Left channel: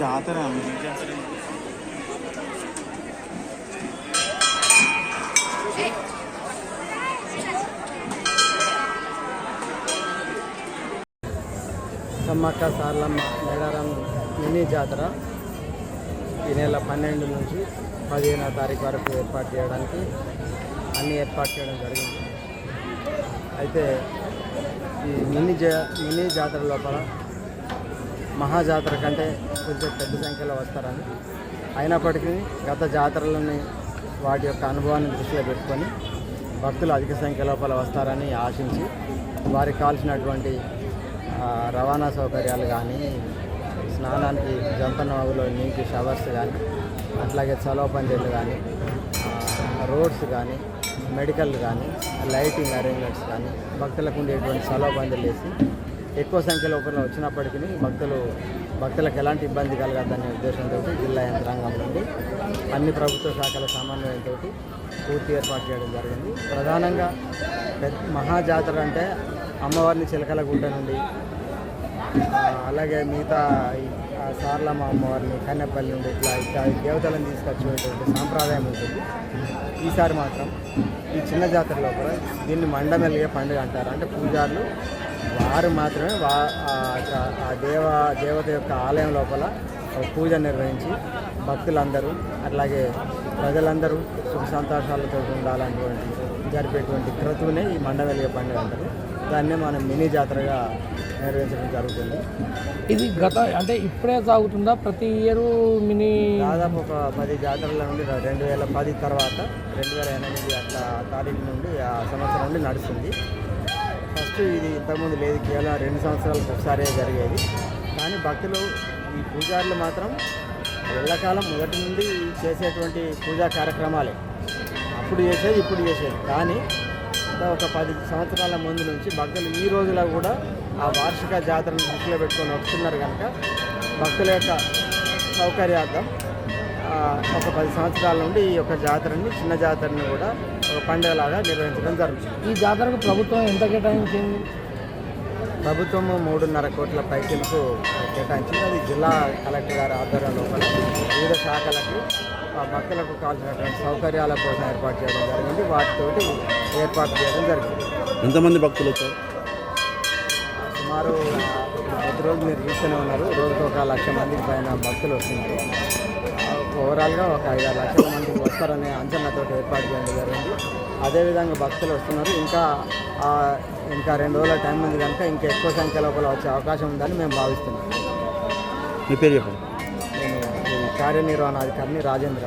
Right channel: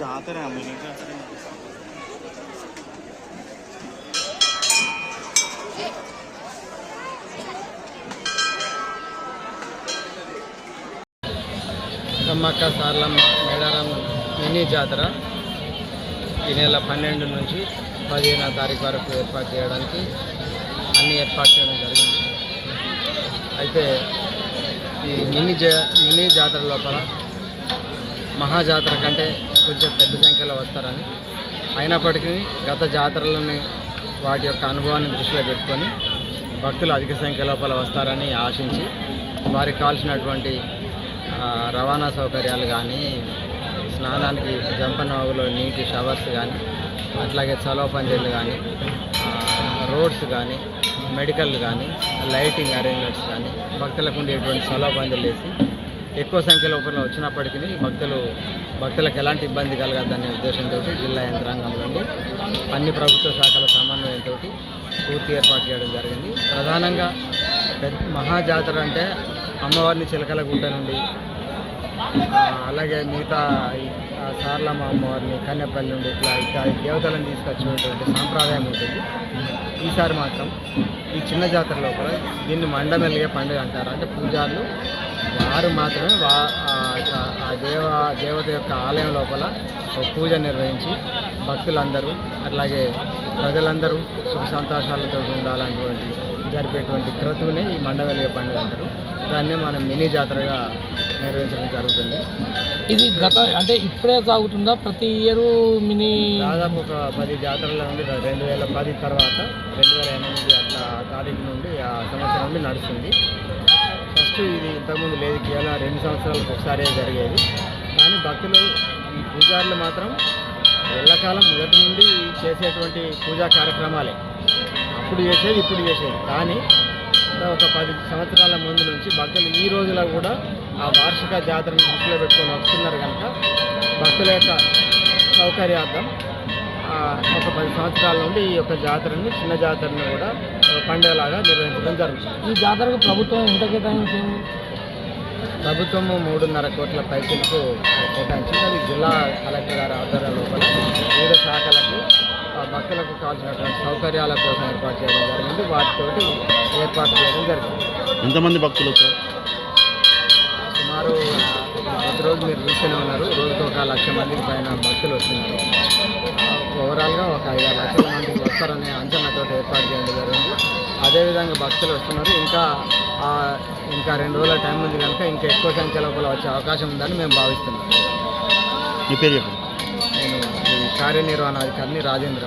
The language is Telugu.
జాతర సమ్మక్క సార్లమ్మ మేడారం మినీ జాతర ఈ నెల 12 నుంచి 15వ తారీఖు వరకు ఏర్పాటు చేయడానికి అన్ని ఏర్పాటు చేయడం జరిగింది. అయితే ఈ మినీ జాతర లోపల మహాజాతర కంటే కొంచెం పెద్ద సంఖ్యలో వస్తారని, అయినప్పటికీ గత జాతరలని వాటి యొక్క అనుభవాన్ని దృష్టిలో పెట్టుకొని భక్తులు అధిక సంఖ్య లోపల వస్తారని ఆశించి వారికి కావాల్సినటువంటి రవాణా సౌకర్యాలు కానీ, స్నానానికి జంపనవాగులో నీటి షవర్స్ కానీ, అట్లాగే చలవ పందిళ్ళు కానీ, రోడ్స్ కానీ, మెడికల్ కానీ, లైటింగ్ అరేంజ్మెంట్స్ కానీ, భక్తులకు ఉండేటువంటి చలవ పందిళ్ళు వేసి ఎక్కువ సంఖ్యలో వచ్చినప్పటికీ భక్తులకు ఎలాంటి ఇబ్బంది కలగద్దనే ఉద్దేశంతో జిల్లా యంత్రాంగం నుండి అన్ని ప్రభుత్వ శాఖల సమన్వయంతో పూర్తి ఏర్పాటు చేయడం జరిగింది. ప్రధానంగా మహాజాతర అంటే అమ్మవారిని చిలకలగుట్ట నుండి, అలాగే మిగతా సార్లమ్మ అమ్మవారిని కన్నెపల్లి నుండి ఇట్లా దేవతలను తీసుకొచ్చేటువంటి సాంప్రదాయం ఉంటుంది. ఈసారి మాత్రం ఈ చిన్న జాతర లోపల దీన్ని మండమెలిగే పండుగ అంటారు. అంటే పూజారులు వారు మాత్రమే దేవత యొక్క ఆలయం లోపల పూజ నిర్వహించి భక్తులందరూ అట్లాగే ప్రజలందరూ సుఖ సంతోషాలతో ఉండాలన్నటువంటి జరిపేటువంటి క్రతువునే ఈ మండవెలిగే పండుగ అంటారు. దాన్నే మనం మినీ జాతరగా నిర్వహించడం జరుగుతుంది. ఇది అంటే ఇప్పుడే సాగుతుందా? ప్రతి ఇయర్ మినీ దాదాపు ఒక 10 జాతరల నుండి 2010 తర్వాత 2008 అట్లా తారీఖు నుండి ఆ సంవత్సరం నుండి నడుస్తుంది. ఫస్ట్ ఇది ఇంతకుముందు లేదు, కేవలం 2 సంవత్సరాలకు ఒకసారి జరిగేది. కానీ భక్తులు ఈ పూజారులు మాత్రం ఎల్లకాలం మొదటి నుండి చేసేటువంటి పూజా కార్యక్రమాలే, అప్పుడు చేసేది ఇప్పుడు చేసేది. కానీ ఒక 10 సంవత్సరాల ముందు నుంచి భక్తులు ఈ రోజులో కూడా ఆ వార్షిక జాతరను దృష్టిలో పెట్టుకొని వస్తున్నారు కనుక భక్తుల యొక్క సౌకర్యార్థం ఒక 10 సంవత్సరాల నుండి ఈ యొక్క జాతరని, చిన్న జాతరని కూడా ఒక పండుగలాగా నిర్వహించడం జరుగుతుంది. ఈ జాతరకు ప్రభుత్వం ఎంత కేటాయించింది? ప్రభుత్వము 3.5 కోట్ల పైసలకు కేటాయించింది. అది జిల్లా కలెక్టర్ గారి ఆధ్వర్యం లోపల వివిధ శాఖలకు భక్తులకు కావాల్సినటువంటి సౌకర్యాల కోసం ఏర్పాటు చేయడం జరిగింది. వాటితోటి ఏర్పాటు చేయడం జరిగింది. ఎంతమంది భక్తులు వచ్చారు? సుమారు ప్రతిరోజు మీరు చూస్తూనే ఉన్నారు, రోజుకు 1 లక్ష మందికి పైన భక్తులు వస్తున్నారు. ఓవరాల్గా ఒక 5-6 లక్షల మందికి వస్తారనే అంచనాతో ఏర్పాటు చేయడం జరిగింది. అదేవిధంగా భక్తులు వస్తున్నారు. ఇంకా 2 రోజుల టైం ఉంది కనుక ఇంకా ఎక్కువ సంఖ్య లోపల వచ్చే అవకాశం ఉందని మేము భావిస్తున్నాం. మీ పేరు చెప్పండి. నేను కార్యనిర్వహణాధికారిని రాజేంద్ర.